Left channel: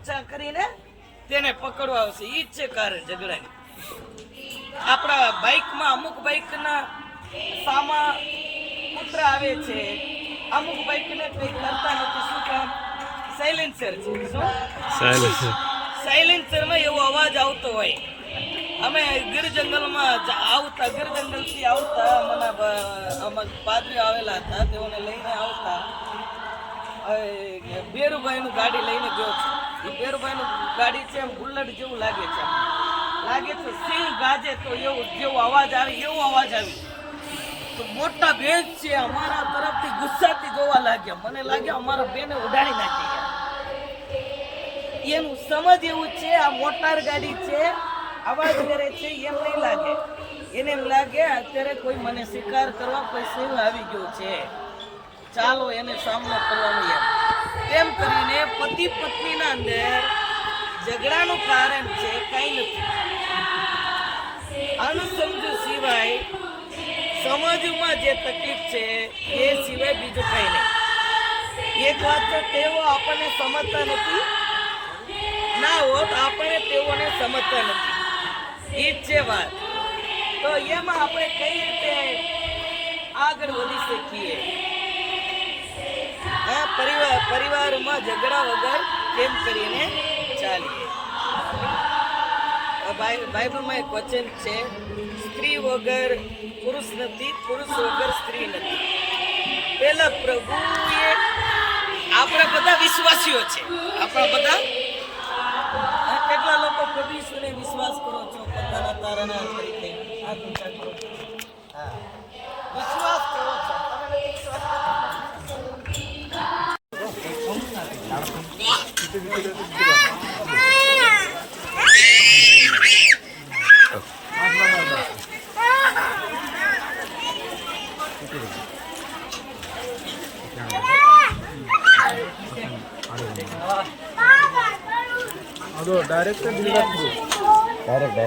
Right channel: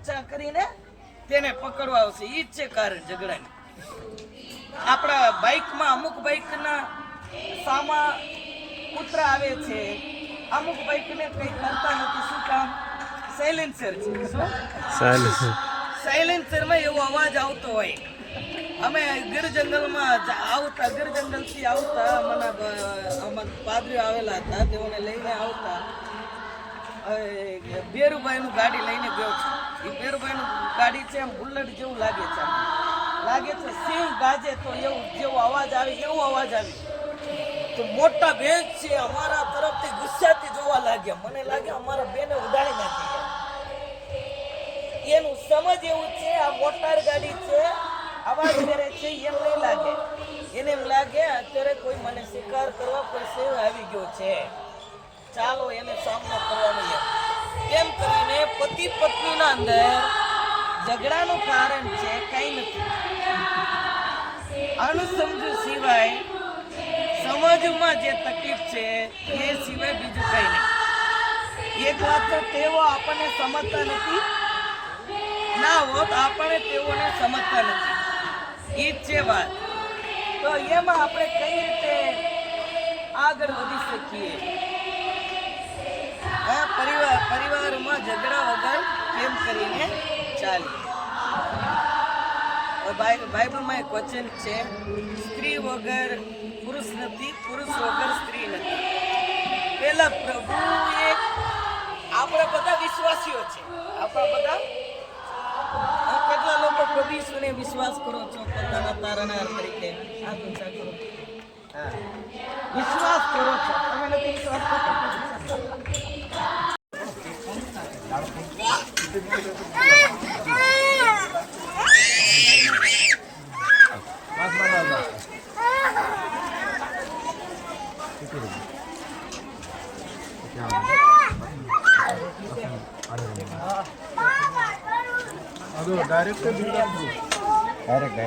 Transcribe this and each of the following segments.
ઊંચા કરીને તેને પકડવા આવશે. ઈ જ છે કારણ ઝઘડાની. આપણા બાઇકમાં અમુક બાઇકના સામા પુત્ર આવે છે, અમુક બાઇકને કંઈ કરતા નથી. શું કામ? સાયલેન્સર છે. સાયલેન્સરમાં એવો અવાજ આવતો હોય. અમે ગીર જંગલમાં આવતા, ગીર જંગલથી આવતા, મને પાદરીઓ આવેલા હતા, તેઓને લઈને આવતા. બેરુભાઈનું ગાડી લઈને ગયો છે. એ બેરુભાઈનું ગાડી છે, આમ બુલેટ જેવું લાગે છે, સિંહ ગાજે તો એવું જેવો અવાજ આવે, એવો અવાજ આવે. તો મોટા બેન છે અમારા તરફથી ગુસ્સાથી જોવા લાગ્યા. મને લાગે અમારા બેને ઉડાડી નાખી ગયા. એનું સમજ એવું છે, આ મોટાર ગાડી છે, અવાજ કરે છે, એમ નહીં લાગે. એને એમ લાગે અત્યારે કોઈ મને શિકાર કરવા કોઈ સિંહ આવી ગયો છે, ચાલો એને સામનો કરવાનો. એમ કરીને પતિ પત્નીના અંદર ઝઘડાનું કારણ છે કઈ નથી. અણસમજુ સિવાય સમજમાં જે તકલીફ છે એ સિવાય બીજું કઈ નહીં. એક વાત તો તેઓ આપણને સમજતા નથી, ના હોત આપણે તેઓને સમજતા નથી. એ જ છે વાત. તો એમાં આપણે કઈ રીતે આગળ વધી શકીએ? પરિવારમાં ઝઘડા વગર કેમ કરીને ચાલીએ? બાઇબલમાં એક વચન છે, સ્ત્રી વગર પુરુષ નથી, પુરુષ વગર સ્ત્રી નથી. પેલા પ્રભુએ, આપણે બધા વિશ્વાસીઓ છે, આપણા બધા કેટલા લોકો પ્રભુ ઈસુને વિશ્વાસ કરો છો પોતાના તારણહાર તરીકે? હાથ ઊંચા કરો. હા, વિશ્વાસ કરો છો. તમે નથી વિશ્વાસ કરતા? ಅದು ಡೈರೆಕ್ಟ್ ಡೈರೆಕ್ಟ್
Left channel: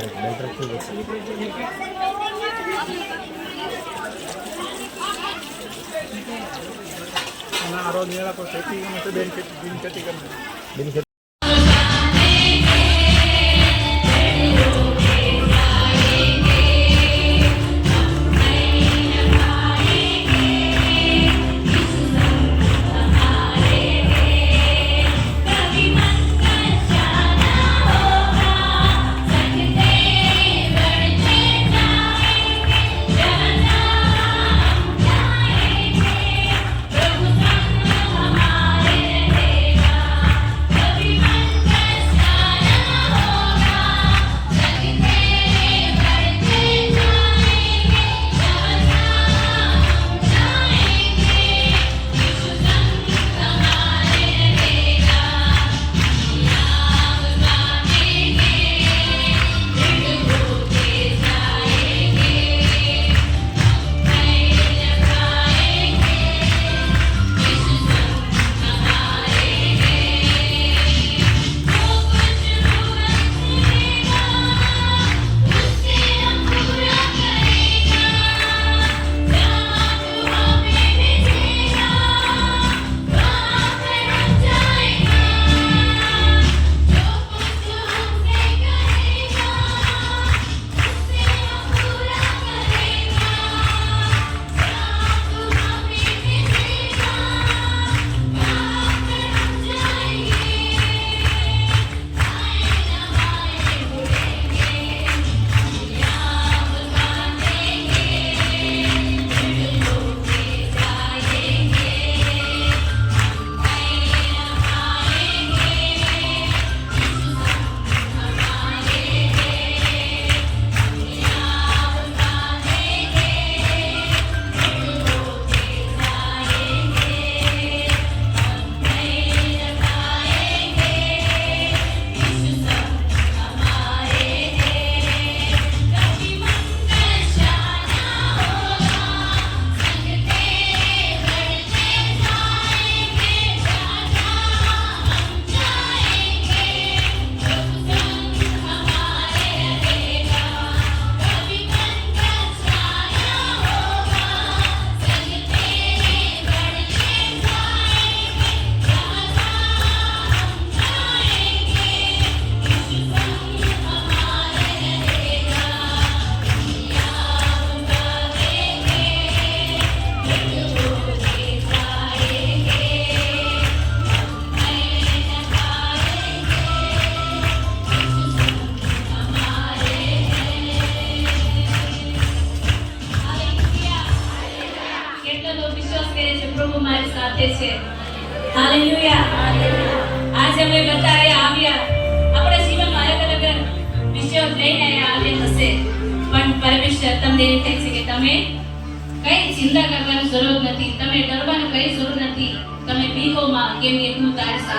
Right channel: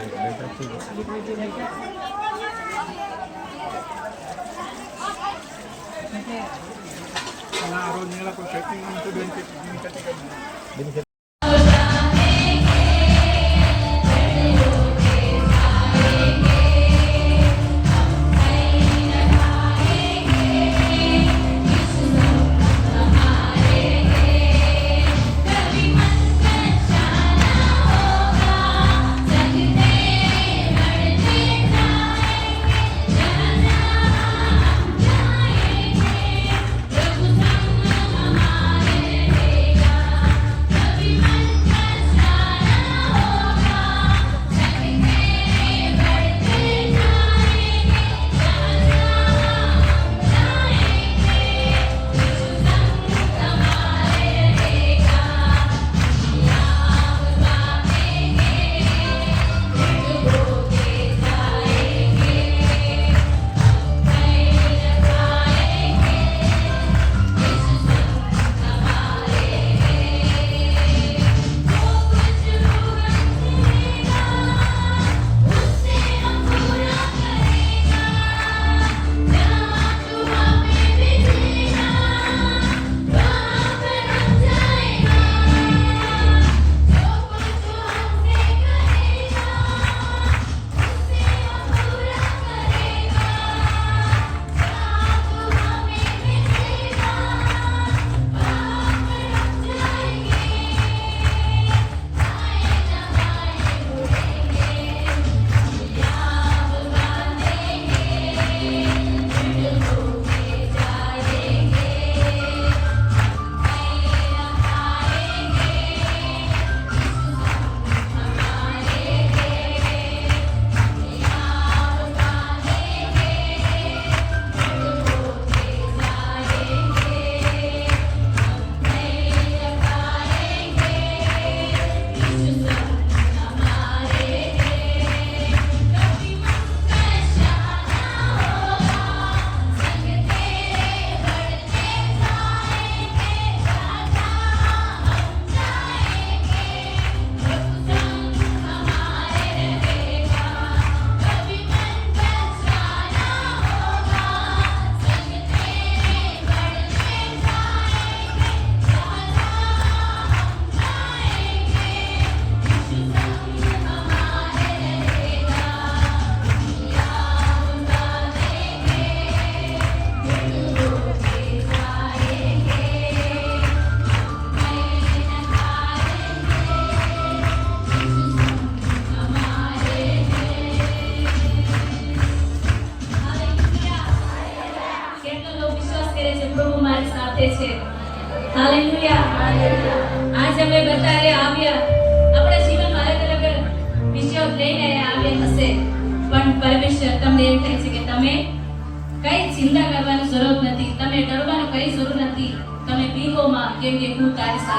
ಆ రోజు నీళ్ళకు పెట్టి బెనిఫిట్ આપે છે. હાલેલુયા. આજે અમે બધા આવ્યા, આપણા જીવનમાં અલગ અલગ વિષયો લઈને આવ્યા હશે, પણ પરમેશ્વર તમને એ કહે છે કે તમે કઈ ચિંતા કરવાની જરૂર નથી, તમે ડરવાની કઈ જરૂર નથી, તમે બીહોમાં, કેમ કે હું તારી સાથે